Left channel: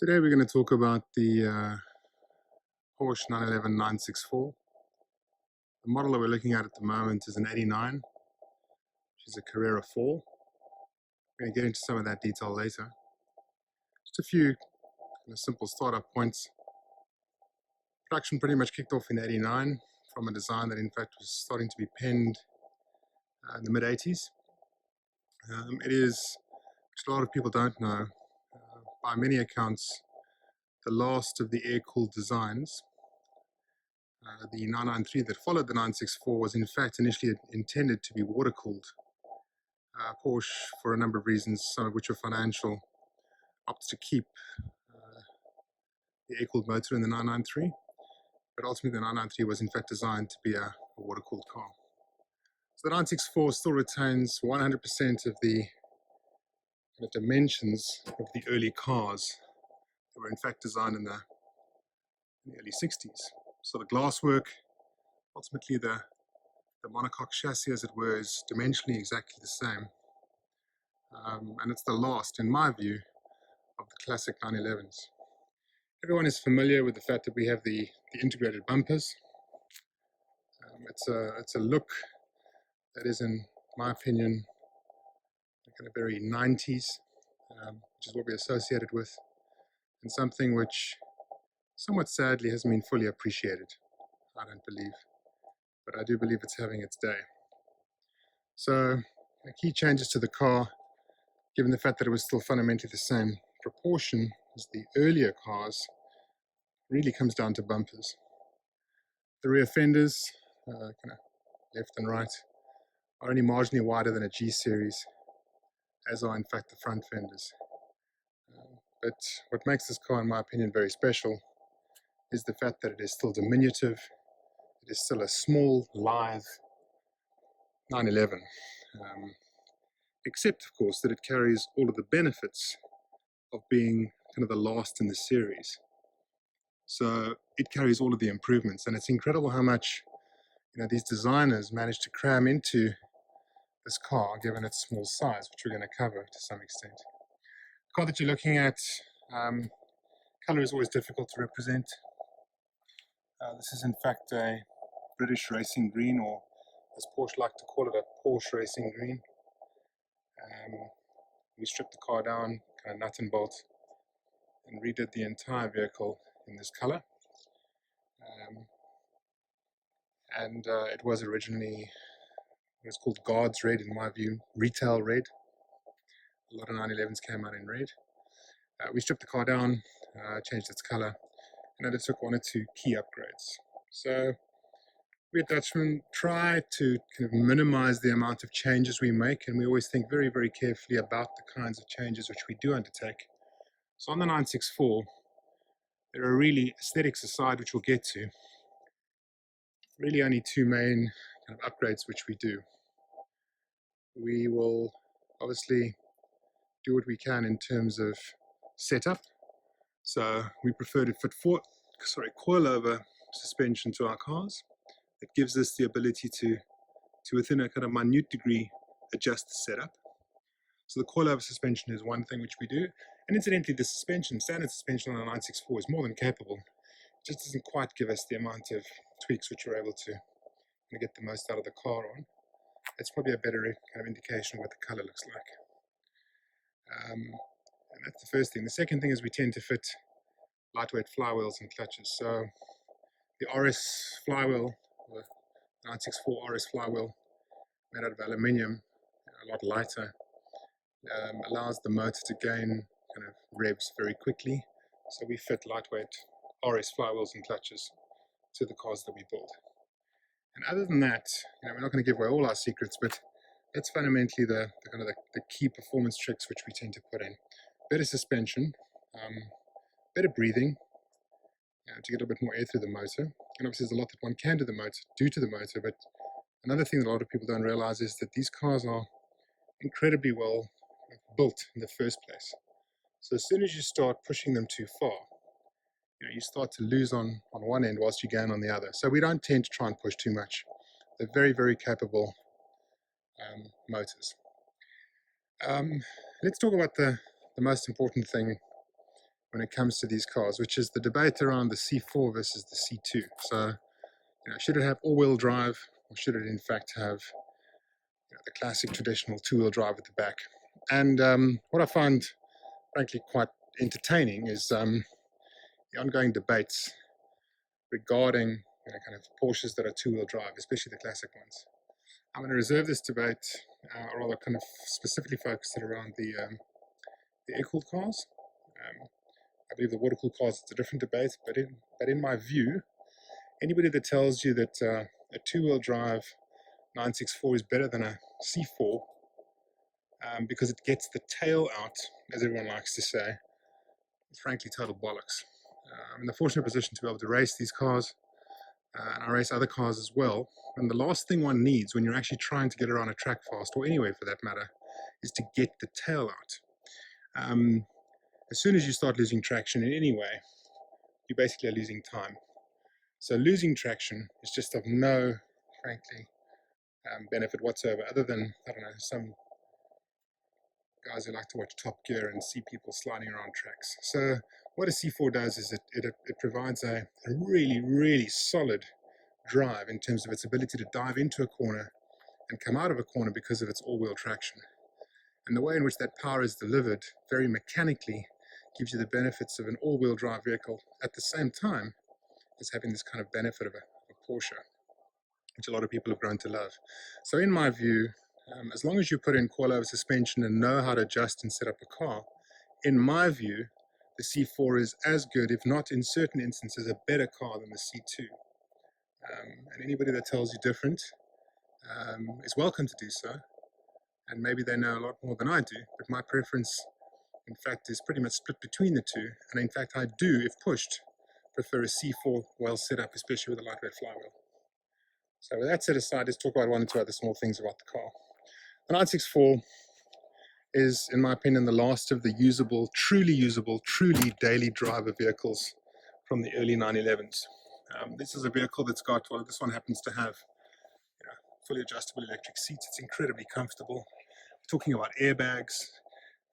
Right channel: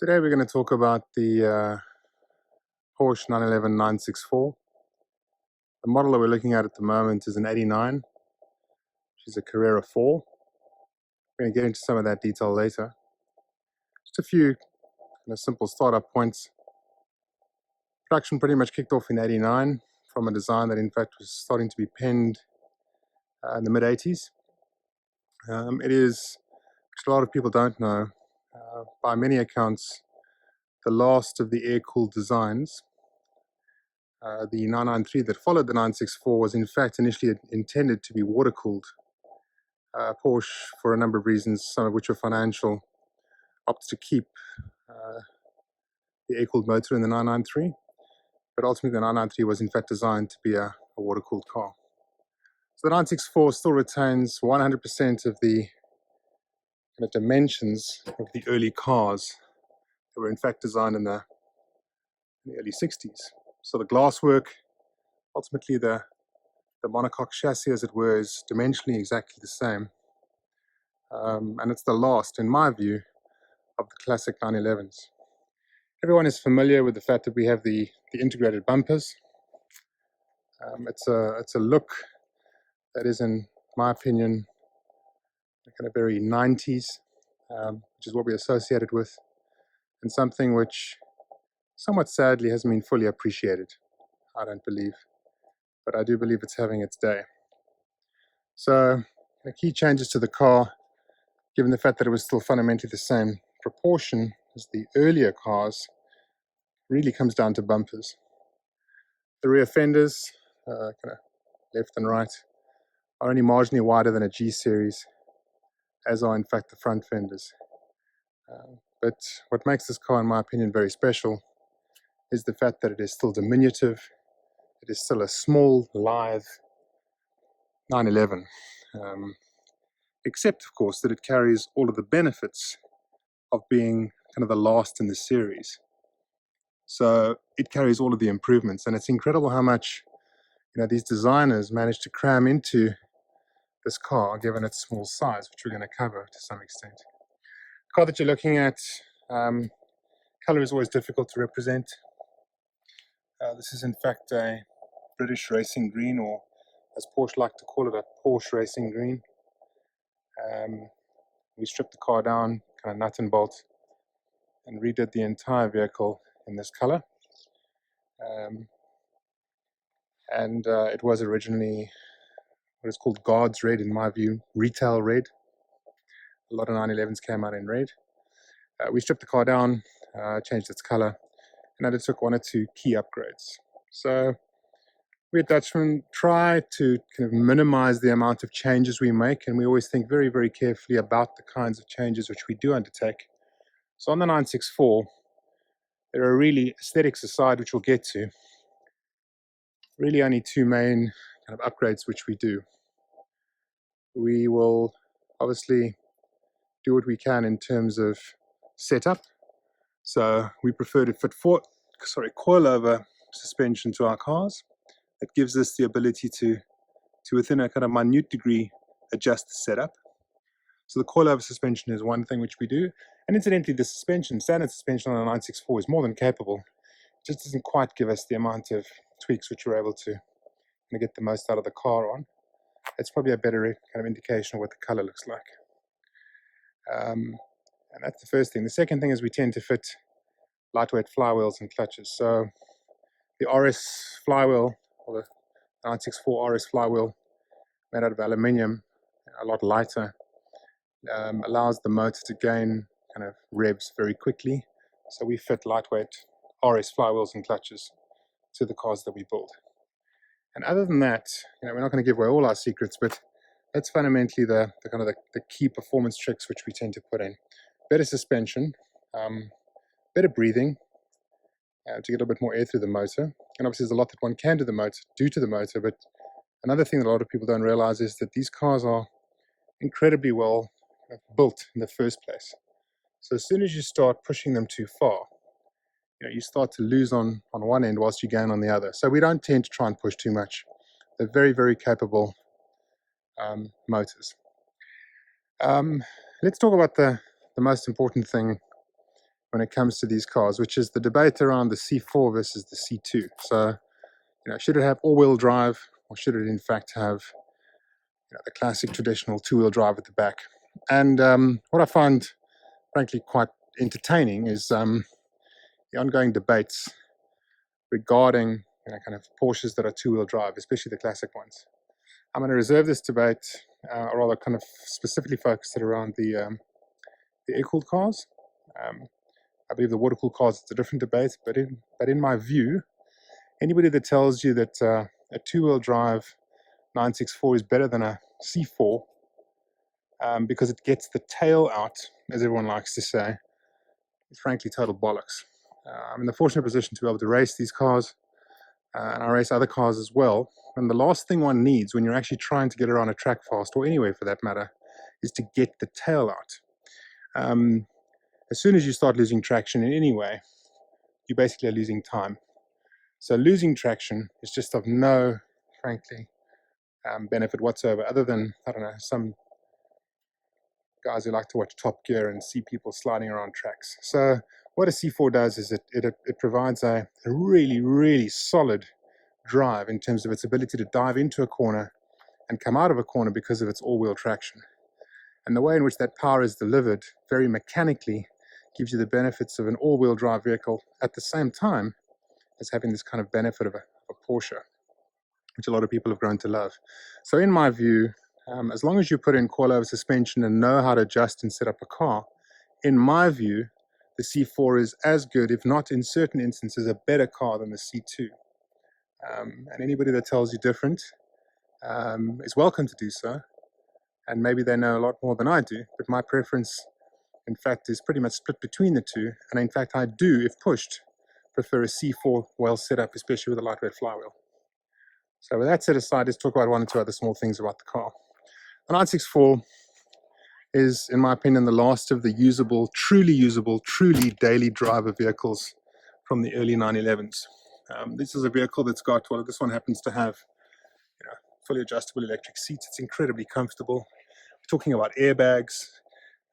Today we're going to talk about the Porsche 911 964. The model that we're looking at the moment is an 89, which is a Carrera 4. We're going to get into some of that detail later. Just a few simple startup points. Production pretty much kicked off in 89 from a design that in fact was starting to be penned in the mid-80s. It is, which a lot of people don't know, by many accounts, the last of the air-cooled designs. The 993 that followed the 964 was in fact initially intended to be water-cooled. Porsche, for a number of reasons, some of which were financial, opted to keep the air-cooled motor in the 993, but ultimately the 993 was in fact designed to be a water-cooled car. So the 964 still retains 100% of the dimensions of the early cars that were in fact designed in the early 60s. So the glasswork, ultimately the monocoque chassis, as it were, is dimensionally exactly the same. And it's the last, in my view, of the classic 911s. Everyone is familiar with the fact that we have the integrated bumpers. It's a look that is, in my opinion, kind of very 90s, which is what we associated with, and something which somewhat sadly hasn't been fully appreciated, I don't believe, but I do believe it's having its day. So the key changes to the car, given the fact that it was still fundamentally the same proportion as the earlier cars, really comes down to bumpers. The rear fenders, kind of left and right, are only marginally wider than a G series, as are in fact the front fenders. But what makes this car, in my opinion, very special is the fact that it is still diminutive. It is still a small, live 911, except of course that it carries all of the benefits of being kind of the last in the series. So it carries all of the improvements, and it's incredible how much these designers managed to cram into this car, given its small size, which we're going to cover to some extent. The car that you're looking at, color is always difficult to represent. This is in fact a British racing green, or as Porsche like to call it, a Porsche racing green. We stripped the car down, kind of nut and bolt, and redid the entire vehicle in this color. It was originally what is called Guards Red, in my view, retail red. A lot of 911s came out in red. We stripped the car down, changed its color, and undertook one or two key upgrades. So we at Dutchmann try to kind of minimize the amount of changes we make, and we always think very, very carefully about the kinds of changes which we do undertake. So on the 964, there are really, aesthetics aside, which we'll get to, really only two main kind of upgrades which we do. We will obviously do what we can in terms of setup. So we prefer to fit coilover suspension to our cars. It gives us the ability to within a kind of minute degree, adjust the setup. So the coilover suspension is one thing which we do. And incidentally, the standard suspension on a 964 is more than capable. It just doesn't quite give us the amount of tweaks which we're able to get the most out of the car on. It's probably a better kind of indication of what the color looks like. And that's the first thing. The second thing is we tend to fit lightweight flywheels and clutches. So the RS flywheel, or the 964 RS flywheel, made out of aluminium, a lot lighter, allows the motor to gain kind of revs very quickly. So we fit lightweight RS flywheels and clutches to the cars that we build. And other than that, we're not going to give away all our secrets, but that's fundamentally the key performance tricks which we tend to put in. Better suspension, better breathing, to get a bit more air through the motor. And obviously there's a lot that one can do to the motor, but another thing that a lot of people don't realize is that these cars are incredibly well built in the first place. So as soon as you start pushing them too far, you start to lose on one end whilst you gain on the other. So we don't tend to try and push too much. They're very, very capable motors. Let's talk about the most important thing when it comes to these cars, which is the debate around the C4 versus the C2. So, should it have all-wheel drive, or should it in fact have the classic traditional two-wheel drive at the back? And what I find, frankly, quite entertaining is the ongoing debates regarding kind of Porsches that are two-wheel drive, especially the classic ones. I'm going to reserve this debate, or rather kind of specifically focus it around the air-cooled cars. I believe the water-cooled cars is a different debate, but in my view, anybody that tells you that a two-wheel drive 964 is better than a C4 because it gets the tail out, as everyone likes to say, is frankly total bollocks. I'm in the fortunate position to be able to race these cars, and I race other cars as well. And the last thing one needs when you're actually trying to get around a track fast, or anywhere for that matter, is to get the tail out. As soon as you start losing traction in any way, you basically are losing time. So losing traction is just of no, frankly, benefit whatsoever, other than, I don't know, some guys who like to watch Top Gear and see people sliding around tracks. So what a C4 does is it provides a really, really solid drive in terms of its ability to dive into a corner and come out of a corner because of its all-wheel traction. And the way in which that power is delivered very mechanically gives you the benefits of an all-wheel drive vehicle at the same time as having this kind of benefit of a Porsche, which a lot of people have grown to love. So in my view, as long as you put in coilover suspension and know how to adjust and set up a car, in my view, the C4 is as good, if not in certain instances, a better car than the C2. And anybody that tells you different is welcome to do so. And maybe they know a lot more than I do, but my preference, in fact, is pretty much split between the two. And in fact, I do, if pushed, prefer a C4 well set up, especially with a lightweight flywheel. So with that set aside, let's talk about one or two other small things about the car. The 964 is, in my opinion, the last of the usable, truly daily driver vehicles from the early 911s. This is a vehicle that's got, well, this one happens to have fully adjustable electric seats. It's incredibly comfortable. We're talking about airbags.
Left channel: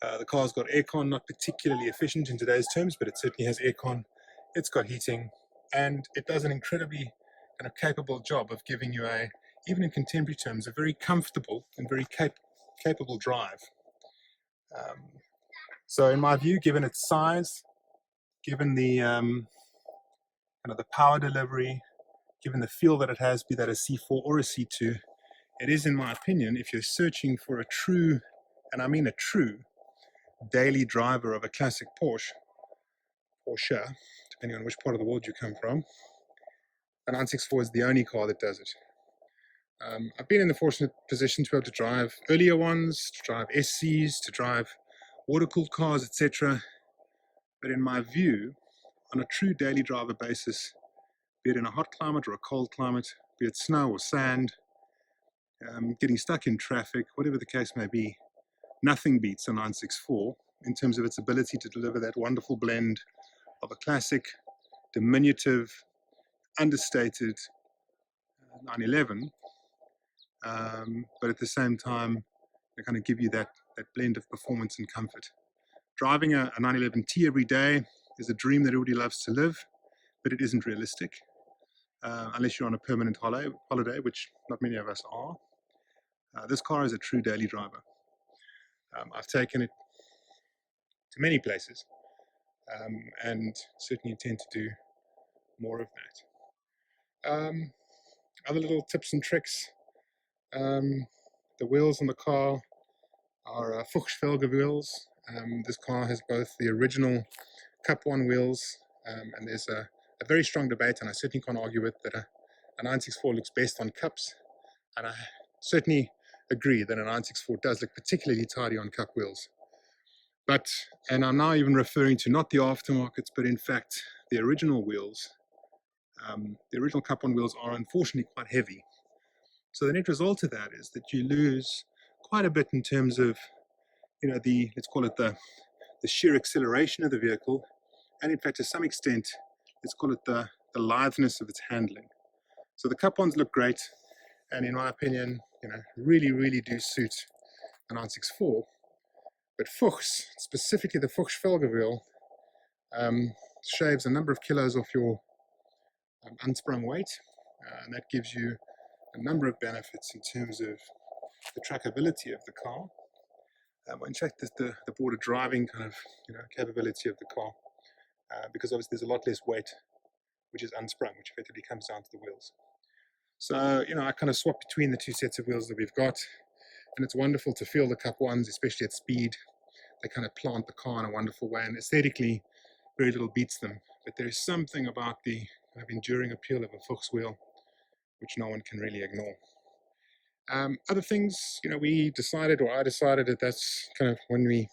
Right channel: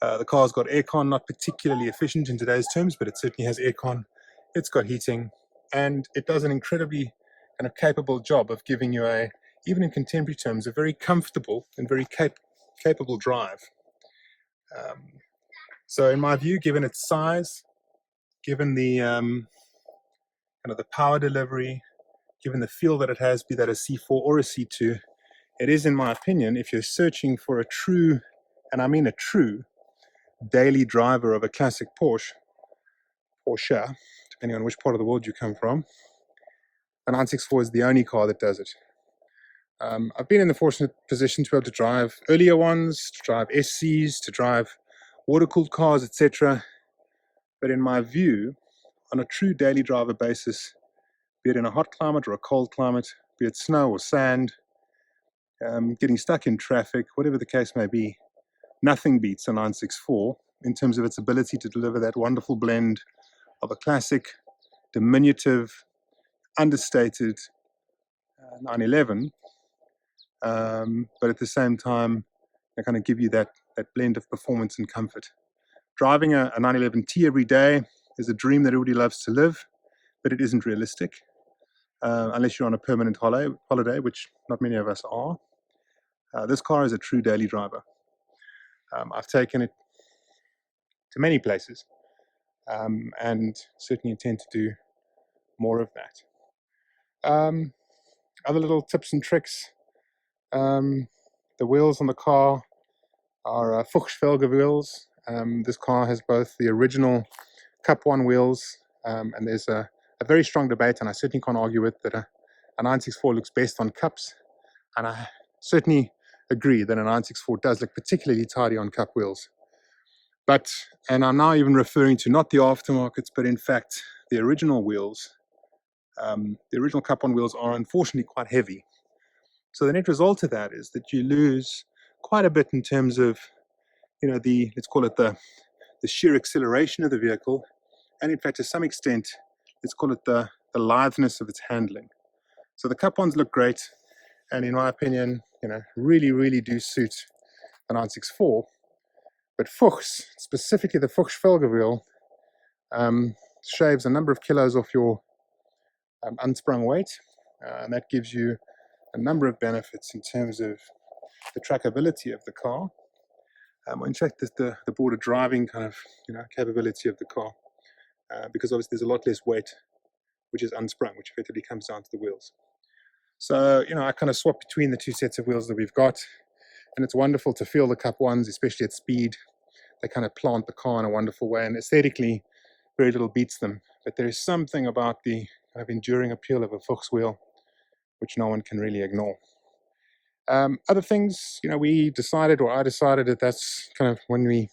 The car's got aircon, not particularly efficient in today's terms, but it certainly has aircon. It's got heating, and it does an incredibly kind of capable job of giving you even in contemporary terms, a very comfortable and very capable drive. So in my view, given its size, given the kind of the power delivery, given the feel that it has, be that a C4 or a C2, it is, in my opinion, if you're searching for a true, and I mean a true, daily driver of a classic Porsche, depending on which part of the world you come from, the 964 is the only car that does it. I've been in the fortunate position to be able to drive earlier ones, to drive SCs, to drive water-cooled cars, etc. But in my view, on a true daily driver basis, be it in a hot climate or a cold climate, be it snow or sand, getting stuck in traffic, whatever the case may be, nothing beats a 964 in terms of its ability to deliver that wonderful blend of a classic, diminutive, understated 911, but at the same time, they kind of give you that blend of performance and comfort. Driving a 911T every day is a dream that everybody loves to live, but it isn't realistic unless you're on a permanent holiday, which not many of us are. This car is a true daily driver. I've taken it to many places and certainly intend to do more of that. Other little tips and tricks. The wheels on the car are Fuchsfelge wheels. This car has both the original Cup 1 wheels, and there's a very strong debate, and I certainly can't argue with that a 964 looks best on cups, and I certainly agree that a 964 does look particularly tidy on cup wheels. But, and I'm now even referring to not the aftermarkets, but in fact the original wheels, the original Cup 1 wheels are unfortunately quite heavy. So the net result of that is that you lose quite a bit in terms of, let's call it the sheer acceleration of the vehicle, and in fact to some extent, let's call it the litheness of its handling. So the Cup 1s look great, and in my opinion, really do suit the 964. But Fuchs, specifically the Fuchsfelge wheel, shaves a number of kilos off your unsprung weight, and that gives you a number of benefits in terms of the trackability of the car. In fact, the border driving kind of capability of the car, because obviously there's a lot less weight which is unsprung, which effectively comes down to the wheels. So I kind of swap between the two sets of wheels that we've got, and it's wonderful to feel the Cup 1s, especially at speed. They kind of plant the car in a wonderful way, and aesthetically very little beats them. But there is something about the kind of enduring appeal of a Fuchs wheel which no one can really ignore. Other things, we decided, or I decided, that that's kind of when we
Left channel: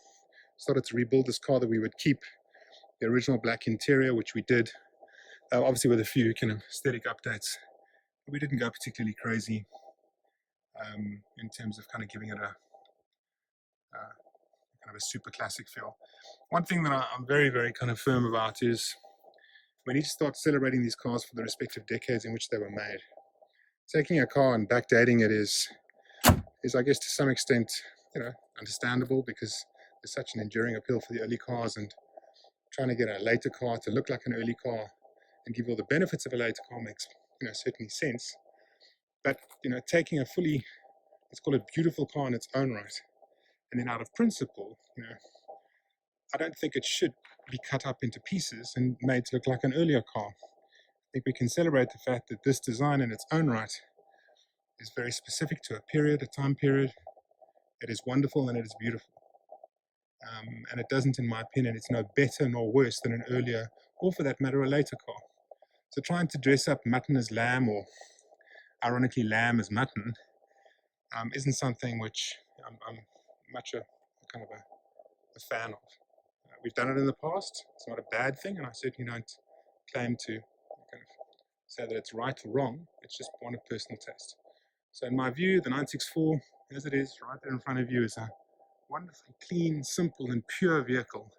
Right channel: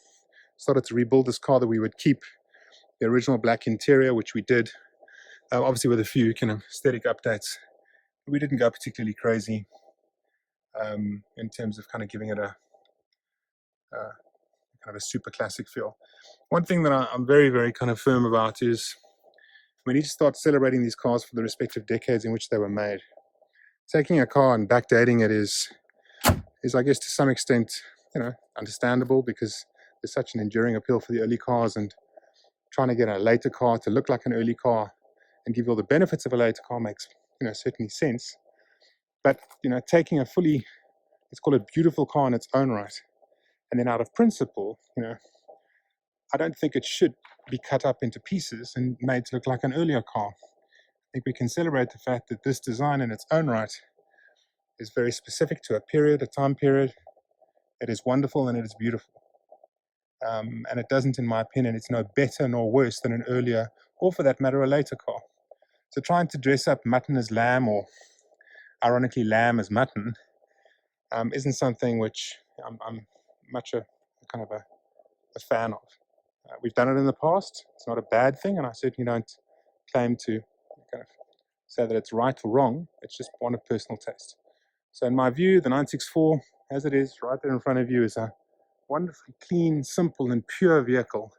started to rebuild this car, that we would keep the original black interior, which we did, obviously with a few kind of aesthetic updates. We didn't go particularly crazy in terms of kind of giving it a kind of a super classic feel. One thing that I'm very, very kind of firm about is we need to start celebrating these cars for the respective decades in which they were made. Taking a car and backdating it is I guess to some extent understandable, because there's such an enduring appeal for the early cars, and trying to get a later car to look like an early car and give you all the benefits of a later car makes certainly sense. But taking a fully, let's call it, beautiful car in its own right, and then out of principle, I don't think it should be cut up into pieces and made to look like an earlier car. I think we can celebrate the fact that this design in its own right is very specific to a time period. It is wonderful and it is beautiful. And it doesn't, in my opinion, it's no better nor worse than an earlier, or for that matter, a later car. So trying to dress up mutton as lamb, or ironically lamb as mutton, isn't something which I'm much a kind of a fan of. We've done it in the past. It's not a bad thing, and I certainly don't claim to kind of say that it's right or wrong. It's just one of personal taste. So in my view, the 964, as it is right there in front of you, is a wonderfully clean, simple, and pure vehicle.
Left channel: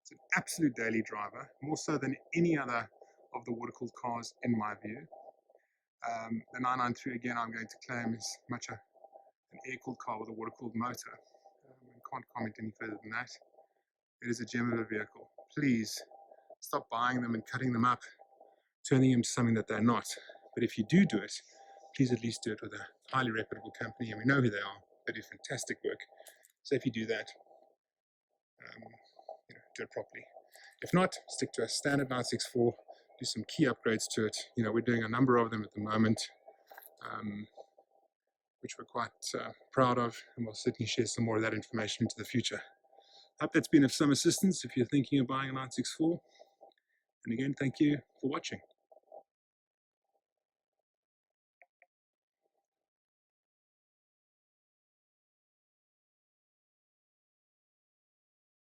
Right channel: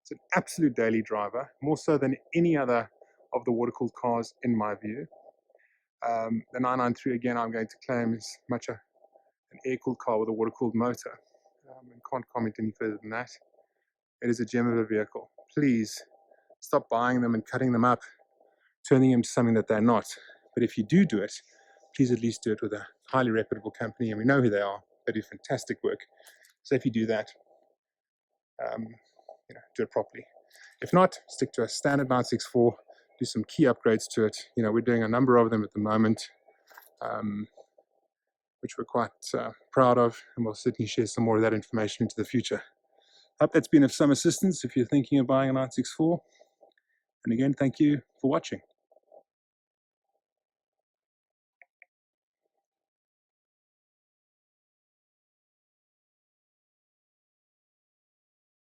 It's an absolute daily driver, more so than any other of the water-cooled cars, in my view. The 993, again, I'm going to claim is much an air-cooled car with a water-cooled motor, and can't comment any further than that. It is a gem of a vehicle. Please stop buying them and cutting them up, turning them into something that they're not. But if you do it, please at least do it with a highly reputable company, and we know who they are. They do fantastic work. So if you do that, do it properly. If not, stick to a standard 964, do some key upgrades to it. We're doing a number of them at the moment, which we're quite proud of, and we'll certainly share some more of that information into the future. I hope that's been of some assistance if you're thinking of buying a 964. And again, thank you for watching.